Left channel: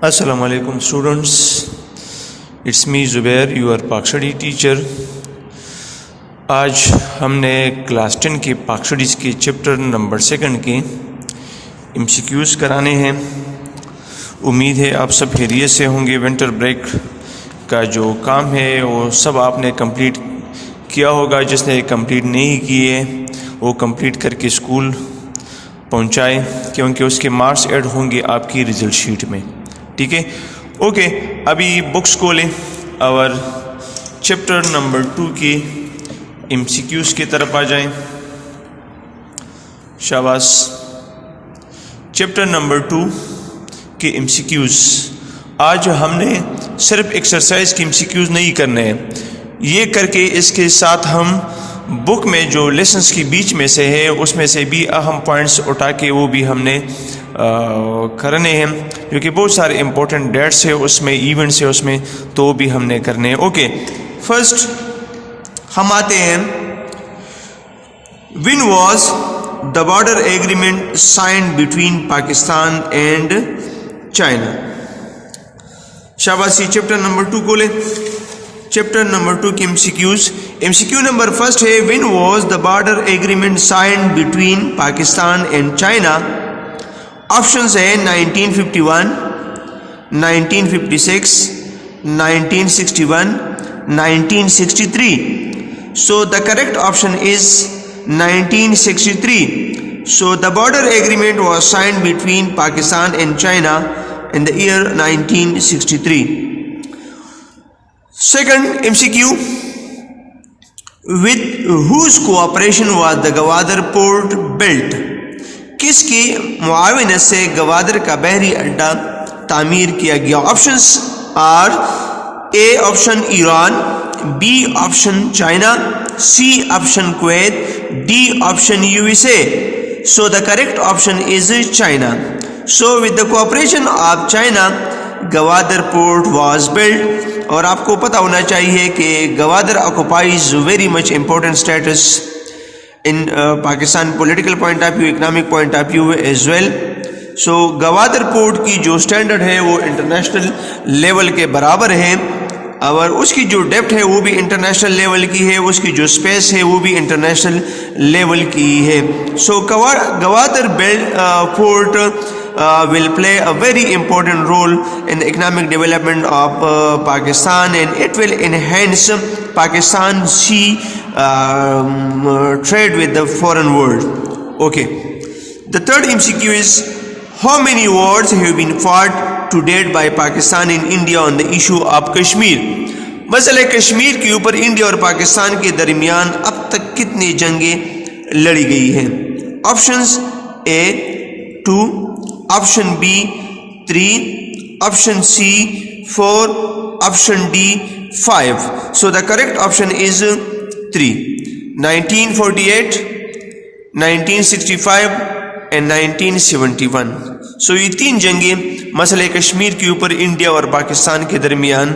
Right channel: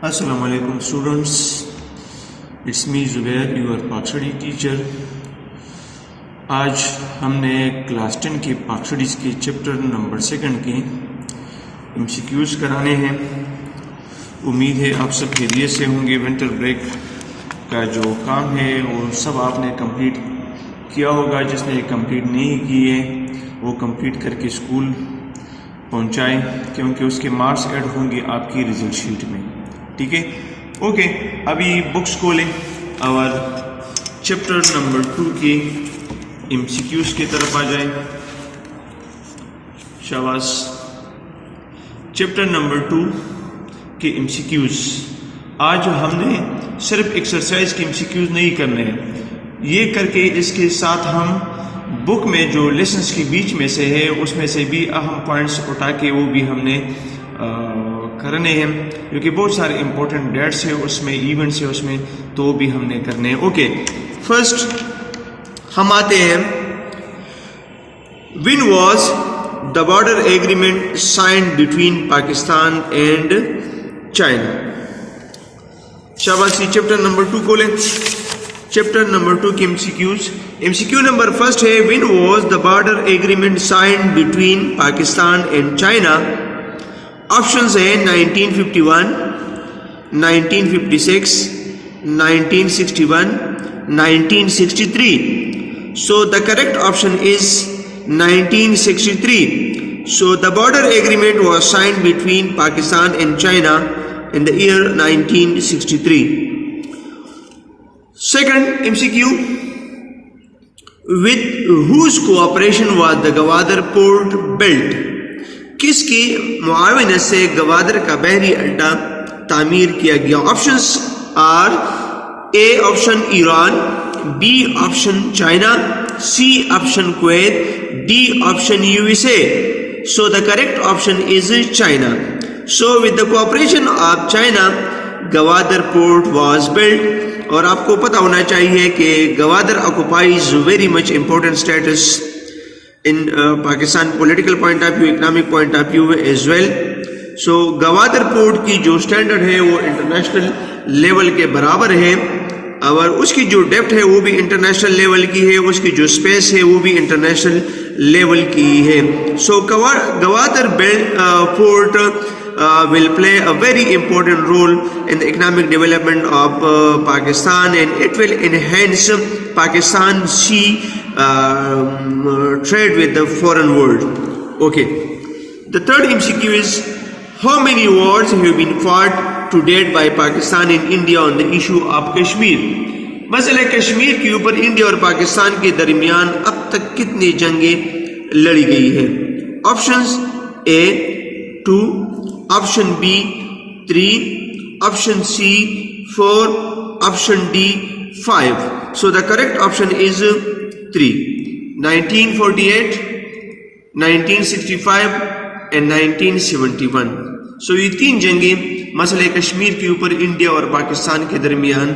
Assalamu alaikum students, it's me Zubair, your पाक study teacher. आज हमने क्लास 10 की पाक स्टडीज़ की चैप्टर नंबर 2 की MCQs कराने हैं। उम्मीद है आप सब खैरियत से होंगे। विंटर ब्रेक का जो काम है वो सब आपने कंप्लीट किया होगा। जिसने कंप्लीट नहीं किए वो कंप्लीट करके स्कूल पहुंचाए, क्योंकि उसके मार्क्स ऐड होंगे आपकी रिजल्ट शीट में। ठीक है, ओके। अभी बुक्स खोलें और चैप्टर नंबर 2 की MCQs की तरफ आ जाएं। शाबाश। चैप्टर नंबर 2 के MCQs। आज हमने सिर्फ एक्सरसाइज की MCQs नहीं करने हैं, ये करके इसके साथ हम बुक में जो लेसन्स की बीच में से है उसमें से भी अहम पॉइंट्स उठा के वो भी हमने करने हैं, क्योंकि बहुत सारे इंपॉर्टेंट डेट्स है उसमें, इवेंट्स है उसमें, तो वो भी हमने करने हैं। ओके, फर्स्ट हम आते हैं, when was the border agreement signed between Pakistan and China. शाबाशी। चैप्टर नंबर 2 खोले। चैप्टर नंबर 2 की MCQ नंबर फर्स्ट है, when was the border agreement signed between Pakistan and China. Options है 1951, 1956, 1961, 1963। सो the correct option is 1963. So the border agreement was signed between Pakistan and China in the year 1963. Second MCQ, with whose cooperation was the Gwadar port built? किसकी मुआवनत से गवादर का बहरी अड्डा तामीर किया गया? Options are A option Iran, B option China, C option Kuwait, D option USA. So the correct option is China. So with the cooperation of China, Gwadar port was built. और आपको पता होना चाहिए कि Gwadar occupies very much important status in Pakistan political point of view, economic point of view as well. So Gwadar port की जो standard है वो इंटरनेशनल लेवल के बराबर है, और उसकी जो डेप्थ है वो भी इंटरनेशनल लेवल की है, उसकी जो स्पेस है वो भी इंटरनेशनल लेवल की है। So Gwadar port will play a very important role in the economic development of Pakistan, and it will enhance Pakistan's sea trade with the foreign world. Okay, the third MCQ is, how many wars have been fought to date by Pakistan and India on the issue of Kashmir? मसले कश्मीर के ऊपर India और पाकिस्तान के दरमियान अब तक कितनी जंगें लड़ी गई हैं? Options A 2, option B 3, option C 4, option D 5. So the correct option is 3. 1948, 1965 and 1971. So ये 3 जंगें मसले कश्मीर के ऊपर इंडिया और पाकिस्तान के दरमियान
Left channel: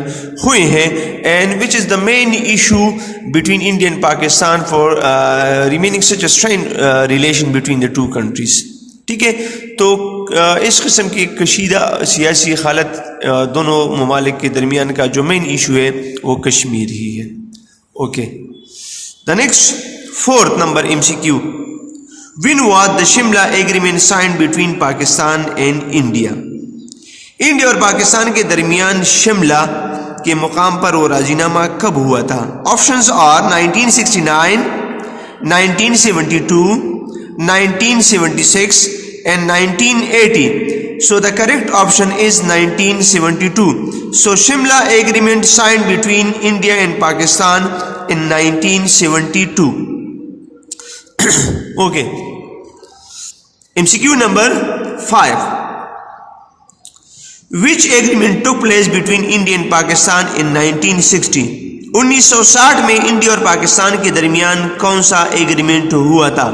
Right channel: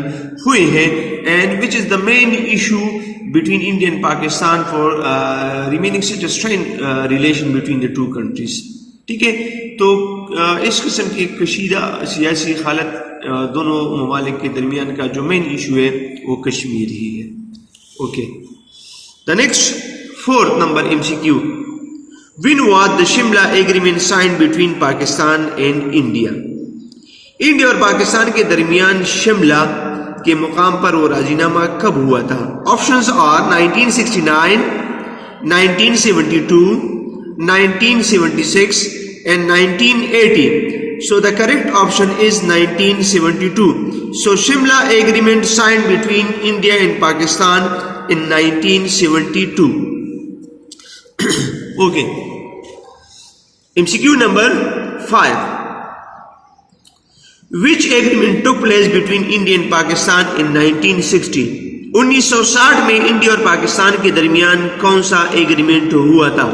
हुए हैं, and which is the main issue between India and Pakistan for remaining such a strain relation between the 2 countries. ठीक है, तो इस किस्म की कशीदा सियासी हालत दोनों ममालिक के दरमियान का जो मेन इशू है वो कश्मीर ही है। Okay, the next 4th number MCQ, when was the Shimla agreement signed between Pakistan and India? India और पाकिस्तान के दरमियान शिमला के मुकाम पर वो राजीनामा कब हुआ था? Options are 1969, 1972, 1976 and 1980. So the correct option is 1972. So Shimla agreement signed between India and Pakistan in 1972. Okay. MCQ number 5. Which agreement took place between India and Pakistan in 1960? 1960 में इंडिया और पाकिस्तान के दरमियान कौन सा एग्रीमेंट हुआ था?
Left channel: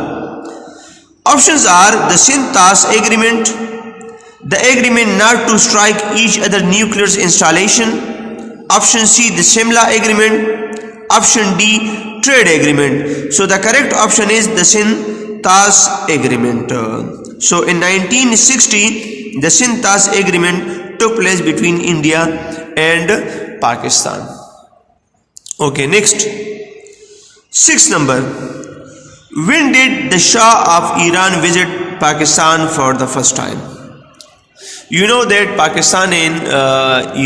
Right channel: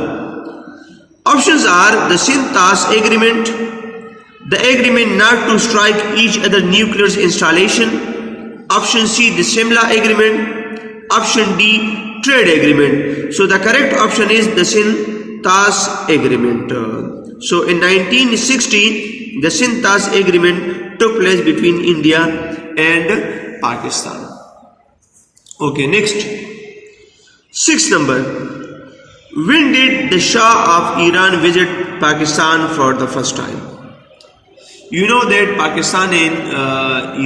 Options are the Sintas agreement, the agreement not to strike each other nuclear installation, option C the Shimla agreement, option D trade agreement. So the correct option is the Sintas agreement. So in 1960 the Sintas agreement took place between India and Pakistan. Okay, next. 6th number. When did the Shah of Iran visit Pakistan for the first time? You know that Pakistan and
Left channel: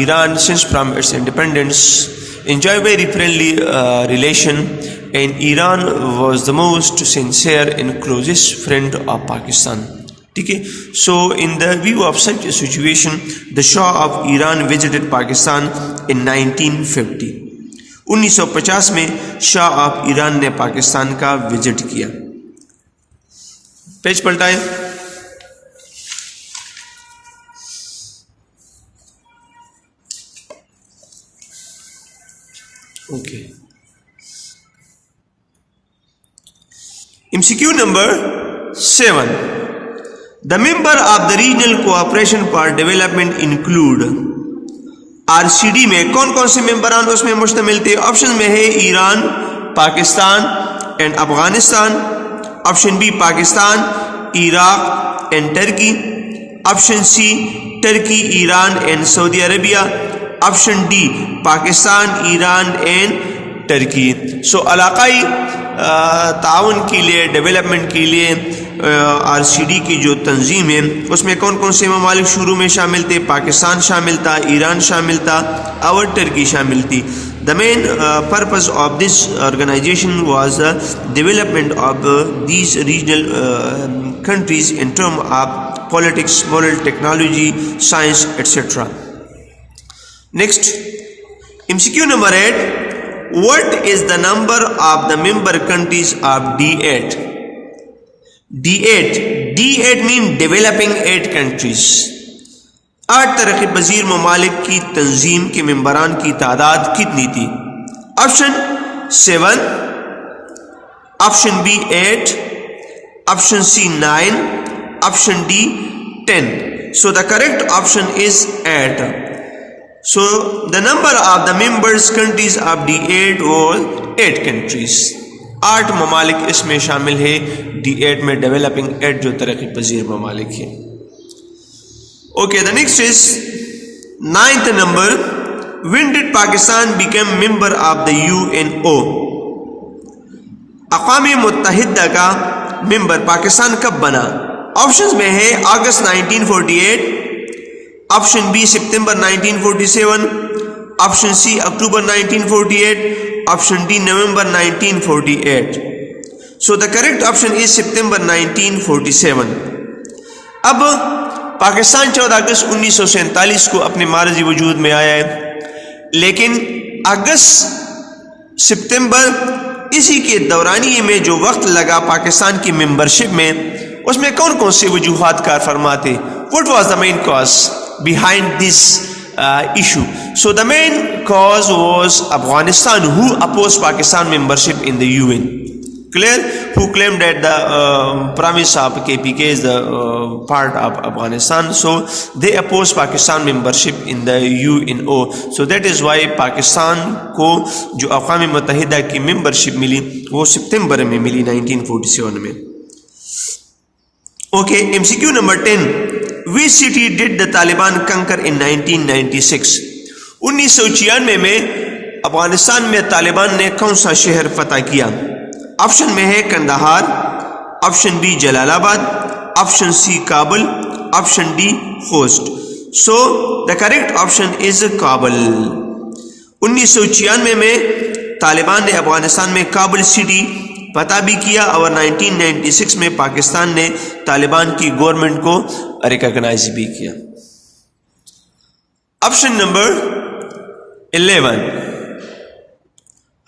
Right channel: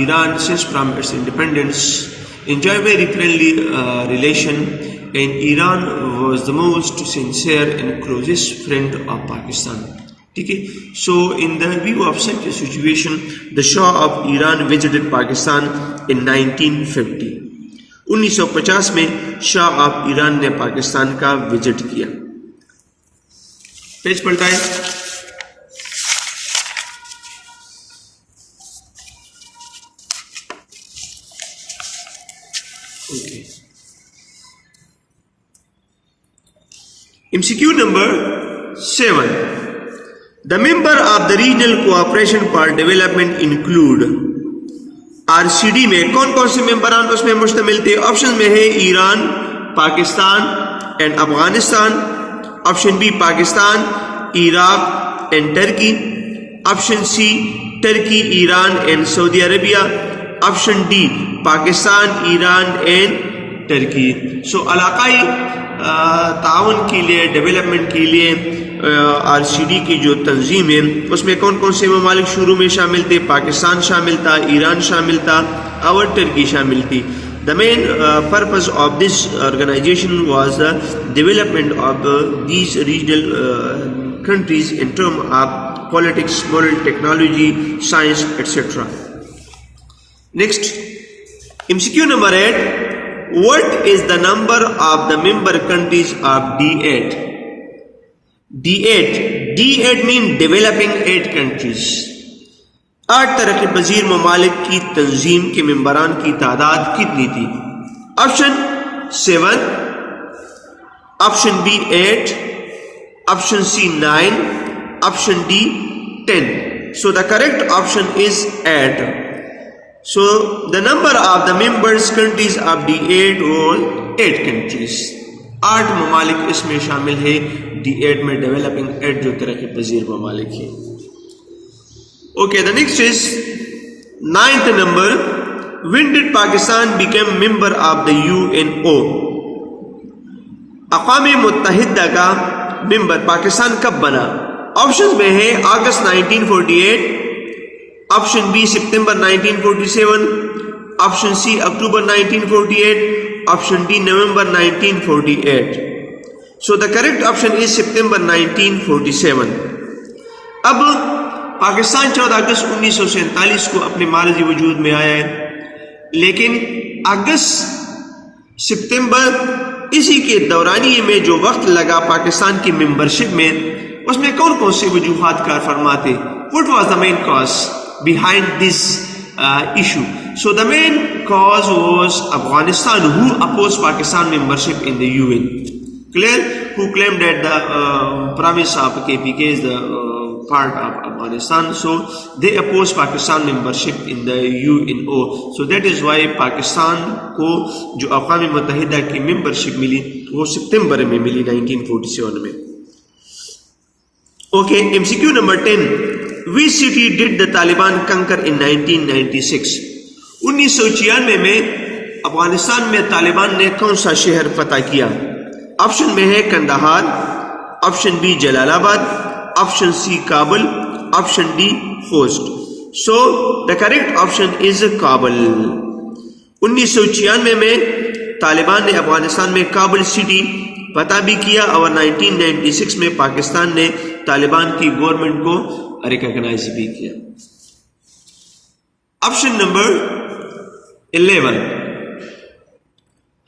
Iran, since from its independence, enjoy very friendly relation, and Iran was the most sincere and closest friend of Pakistan. Okay, so in the view of such a situation, the Shah of Iran visited Pakistan in 1950. 1950 में Shah of Iran ने पाकिस्तान का visit किया. Page पलटाएं. Okay. MCQ number 7. The member of the Regional Cooperation for Development include. RCD में कौन कौन से मेंबरान उसमें मुश्तमिल थे? ऑप्शन में है Iran, Pakistan and Afghanistan. Option B Pakistan, Iraq and Turkey. Option C Turkey, Iran and Saudi Arabia. Option D Pakistan, Iran and Turkey. So इलाकाई ताउन के लिए, डेवलपमेंट के लिए RCD की जो तंजीम है उसमें कौन कौन से ममालिक शुरू में शामिल थे? पाकिस्तान शामिल था, ईरान शामिल था और टर्की शामिल थी. The main purpose of this organisation was the development of these regional countries in term of politics, moral, technology, science etcetera. Next, MCQ number 8. What is the number of the member countries of D8? D8 mean developing 8 countries. 8 तरक्की पजीर ममालिक की तंजीम के मेंबरान की तादाद कितनी थी? Option 7, option B 8, option C 9, option D 10. So the correct option is 8. So the number of the members countries of D8 was 8 countries. 8 ममालिक इसमें शामिल है D8 में, डेवलपिंग 8 जो तरक्की पजीर ममालिक है. Okay, the next is 9th number. When did Pakistan become member of the UNO? अक़वाम मुत्तहिदा का मेंबर पाकिस्तान कब बना? ऑप्शन में है अगस्त 1948, ऑप्शन बी सितंबर 1947, ऑप्शन सी अक्टूबर 1948, ऑप्शन डी नवंबर 1948. So the correct option is September 1947. अब पाकिस्तान 14 अगस्त 1947 को अपने मारजी वजूद में आया है, लेकिन अगस्त सितंबर इसी के दौरानिए में जो वक्त लगा पाकिस्तान की मेंबरशिप में, उसमें कौन कौन से वजूहात कार फरमाते? What was the main cause behind this issue? So the main cause was Afghanistan, who opposed Pakistan membership in the UN. Clear? Who claimed that the province of KPK is the part of Afghanistan, so they opposed Pakistan membership in the UNO. So that is why Pakistan को जो अक़वाम मुत्तहिदा की membership मिली वो सितंबर में मिली 1947 में. Okay, MCQ number 10. Which city did the Taliban conquer in 1996? 1996 में अफगानिस्तान में तालिबान ने कौन सा शहर फतह किया? ऑप्शन में है Kandahar, option B Jalalabad, option C Kabul, option D Khost. So the correct option is Kabul. 1996 में तालिबान ने अफगानिस्तान में काबुल सिटी पता भी किया और 1996 में पाकिस्तान ने तालिबान की गवर्नमेंट को रिकॉग्नाइज भी किया. Option number 11.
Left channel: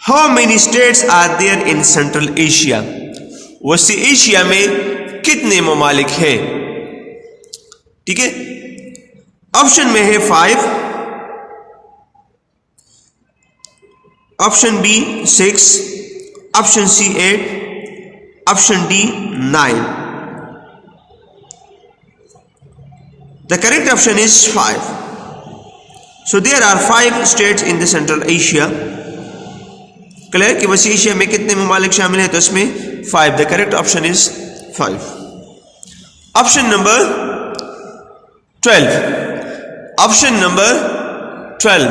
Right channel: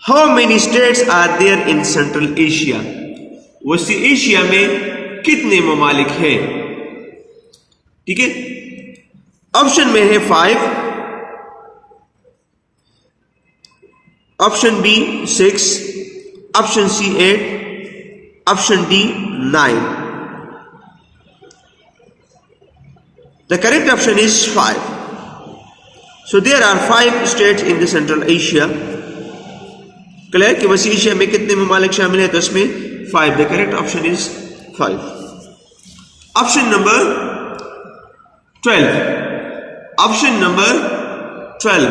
How many states are there in central Asia? वसी एशिया में कितने ममालिक हैं? ठीक है, ऑप्शन में है 5, option B 6, option C 8, option D 9. The correct option is 5. So there are 5 states in the Central Asia. Clear कि वसी एशिया में कितने ममालिक शामिल हैं? तो इसमें 5. The correct option is 5. Option number 12. Option number 12.